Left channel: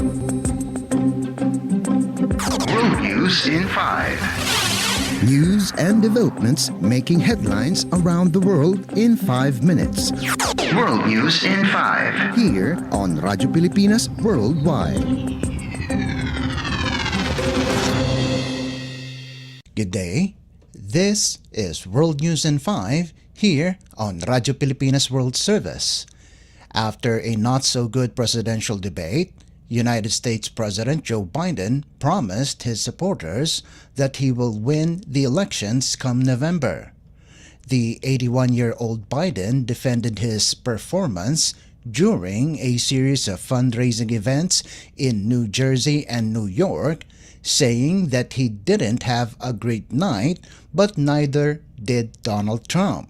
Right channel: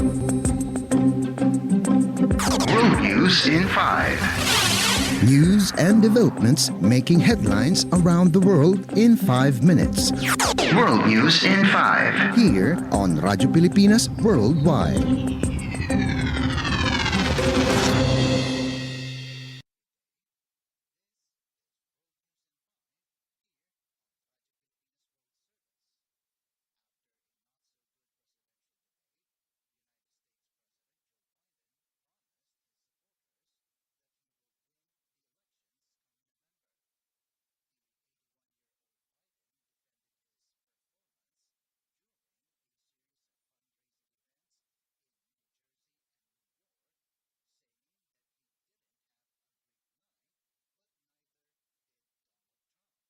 World News in 5. News and developments making headlines around the world in 5 minutes. World News in 5. Here on Radyo Pilipinas Worldwide. Good day. This is World News in 5 here on Radyo Pilipinas World Service. After a not-so-good presidential debate, United States President Joe Biden promised his supporters that he will win the elections come November. The 81-year-old Biden defended his performance during a series of fundraising events in New Jersey and New York, saying that he didn't have a great night, but neither did Donald Trump.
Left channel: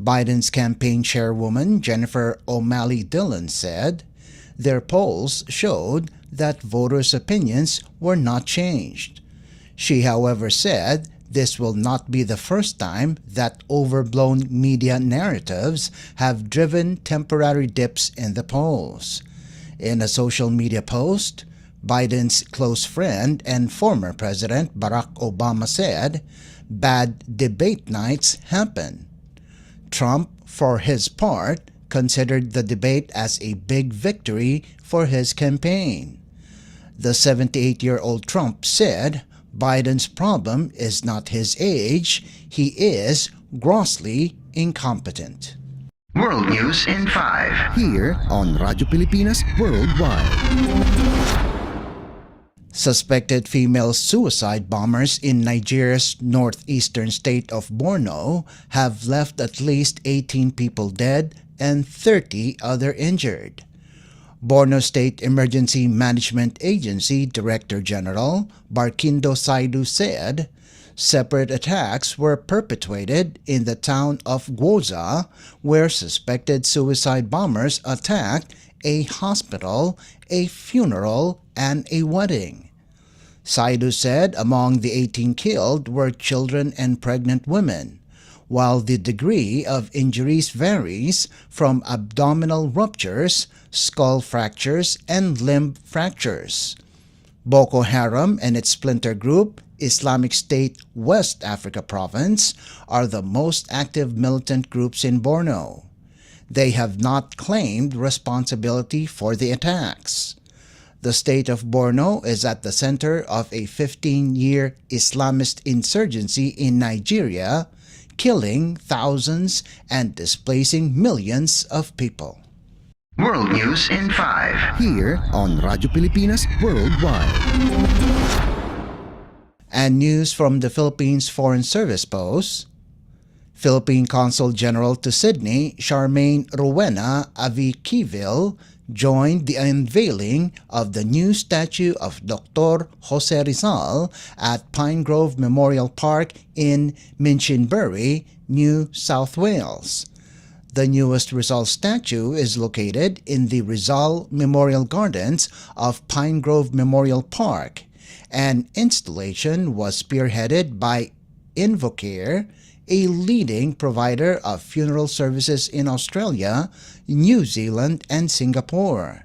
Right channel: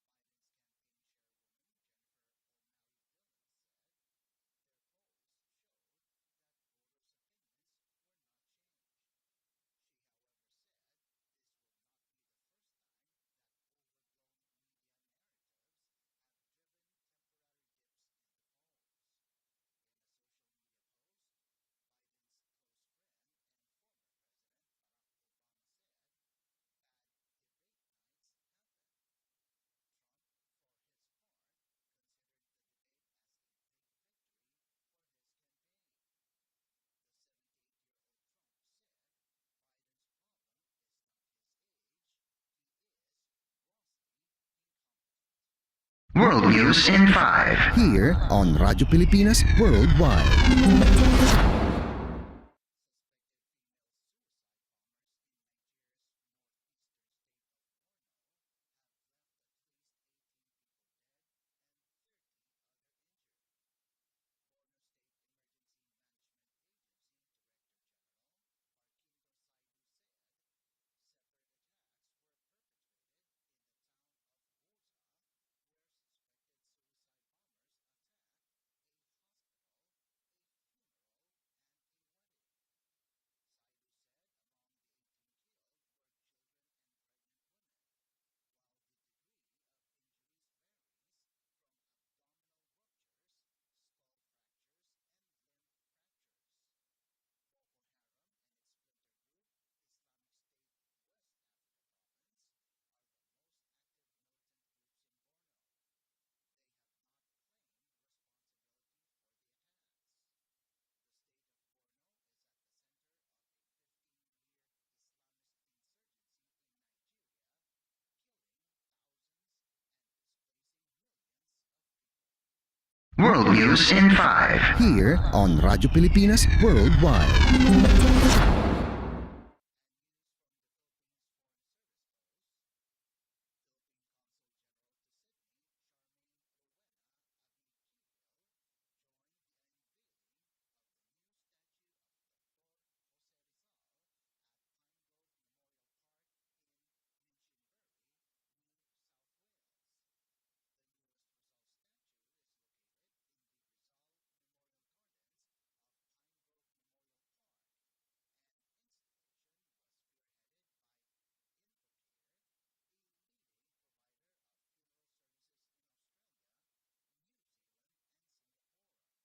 Biden's campaign chairwoman Jennifer O'Malley Dillon said, "Their polls showed that voters' opinions were not changed." She, however, said this will not be the first time that overblown media narratives have driven temporary dips in the polls. In a social media post, Biden's close friend and former President Barack Obama said, "Bad debate nights happen." Trump, for his part, considered the debate as a big victory for his campaign. The 78-year-old Trump said Biden's problem is not his age, he is grossly incompetent. World News in 5. Here on Radyo Pilipinas Worldwide. Suspected female suicide bombers in Nigeria's northeastern state of Borno have left at least 18 people dead and 30 other injured. Borno State Emergency Management Agency Director General Barkindo Saidu said separate attacks were perpetrated in the town of Gwoza, where suspected suicide bombers attacked a hospital, a funeral, and a wedding. Saidu said among the 18 killed were children and pregnant women, while the degree of injuries varies from abdominal ruptures, skull fractures, and limb fractures. Boko Haram and its splinter group, Islamic State West Africa Province, are the most active militant groups in Borno. They have not claimed responsibility for the attacks. The state of Borno is at the center of a 15-year Islamist insurgency in Nigeria, killing thousands and displacing millions of people. World News in 5. Here on Radyo Pilipinas Worldwide. And news from the Philippines Foreign Service posts, Philippine Consul General to Sydney, Charmaine Rowena Aviquiville, joined the unveiling of the new statue of Dr. Jose Rizal at Pine Grove Memorial Park in Minchinbury, New South Wales. The newest Rizal statue is located in the Rizal Memorial Gardens of Pine Grove Memorial Park. An installation was spearheaded by Invocare, a leading provider of funeral services in Australia, New Zealand, and Singapore.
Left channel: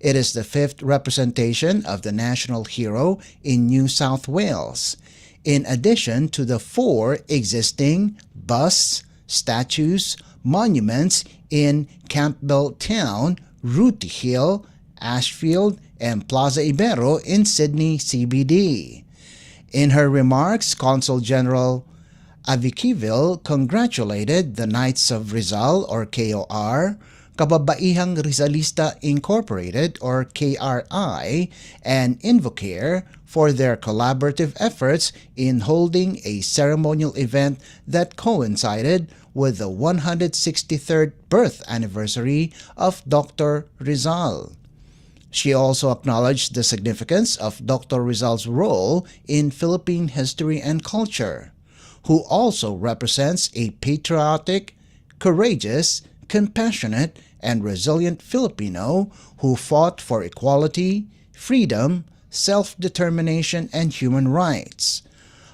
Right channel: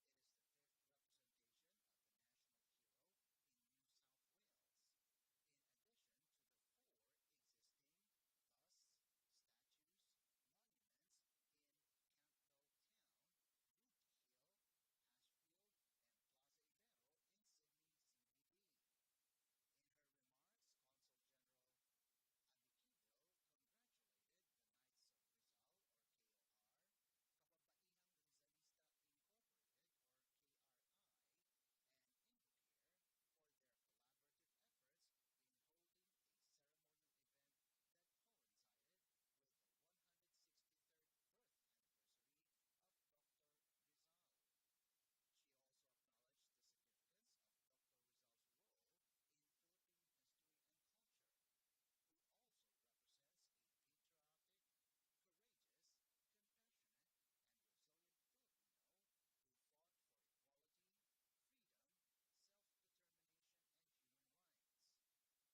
It is the 5th representation of the national hero in New South Wales, in addition to the 4 existing busts, statues, monuments in Campbell Town, Rooty Hill, Ashfield, and Plaza Ibero in Sydney CBD. In her remarks, Consul General Aviquiville congratulated the Knights of Rizal or KOR, Kababaihang Rizalista Incorporated or KRI, and Invocare for their collaborative efforts in holding a ceremonial event that coincided with the 163rd birth anniversary of Dr. Rizal. She also acknowledged the significance of Dr. Rizal's role in Philippine history and culture, who also represents a patriotic, courageous, compassionate, and resilient Filipino who fought for equality, freedom, self-determination, and human rights.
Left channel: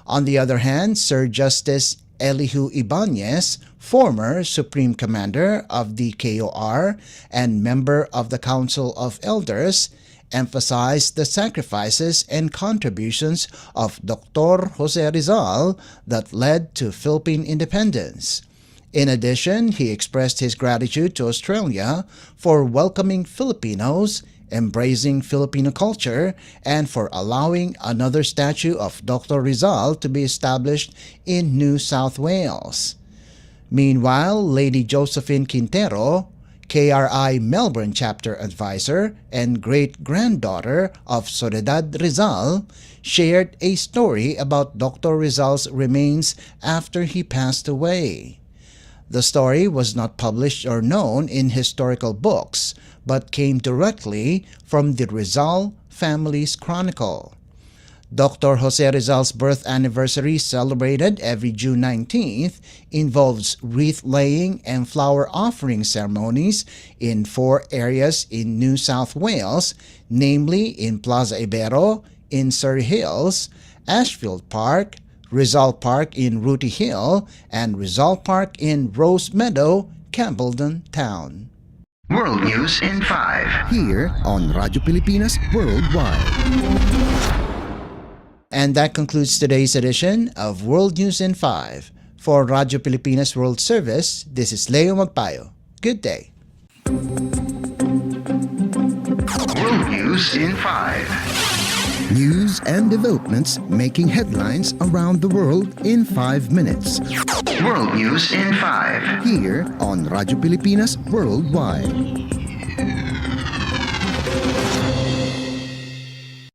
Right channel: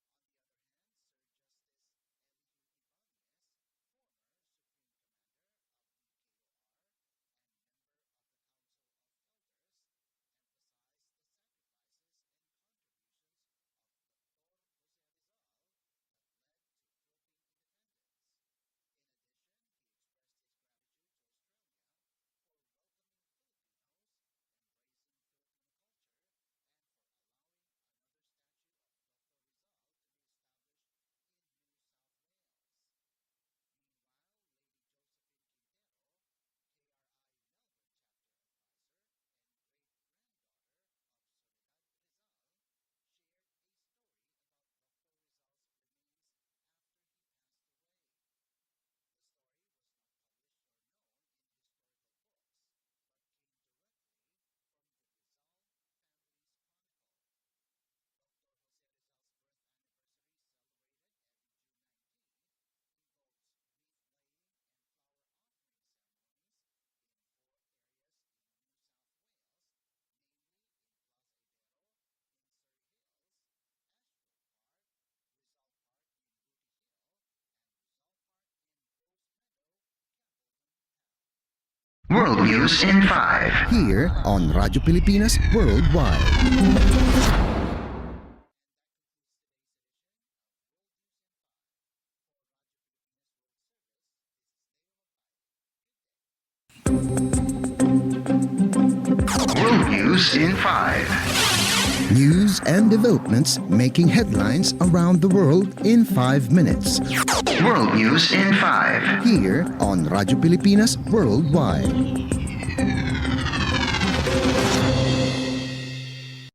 On the other hand, Sir Justice Elihu Ibanez, former Supreme Commander of the KOR and member of the Council of Elders, emphasized the sacrifices and contributions of Dr. Jose Rizal that led to Philippine independence. In addition, he expressed his gratitude to Australia for welcoming Filipinos, embracing Filipino culture, and for allowing another statue of Dr. Rizal to be established in New South Wales. Meanwhile, Lady Josephine Quintero, KRI Melbourne Chapter Advisor and great-granddaughter of Soledad Rizal, shared a story about Dr. Rizal's remains after he passed away. The story was not published or known in historical books, but came directly from the Rizal family's chronicle. Dr. Jose Rizal's birth anniversary, celebrated every June 19th, involves wreath-laying and flower offering ceremonies in 4 areas in New South Wales, namely in Plaza Ibero, in Surrey Hills, Ashfield Park, Rizal Park in Rooty Hill, and Rizal Park in Rose Meadow, Campbellton Town. World News in 5. Here on Radyo Pilipinas Worldwide. And that concludes today's edition of World News in 5. For Radyo Pilipinas World Service, this is Leo Magpayo. Good day. World News in 5. News and developments making headlines around the world in 5 minutes. World News in 5. Here on Radyo Pilipinas Worldwide.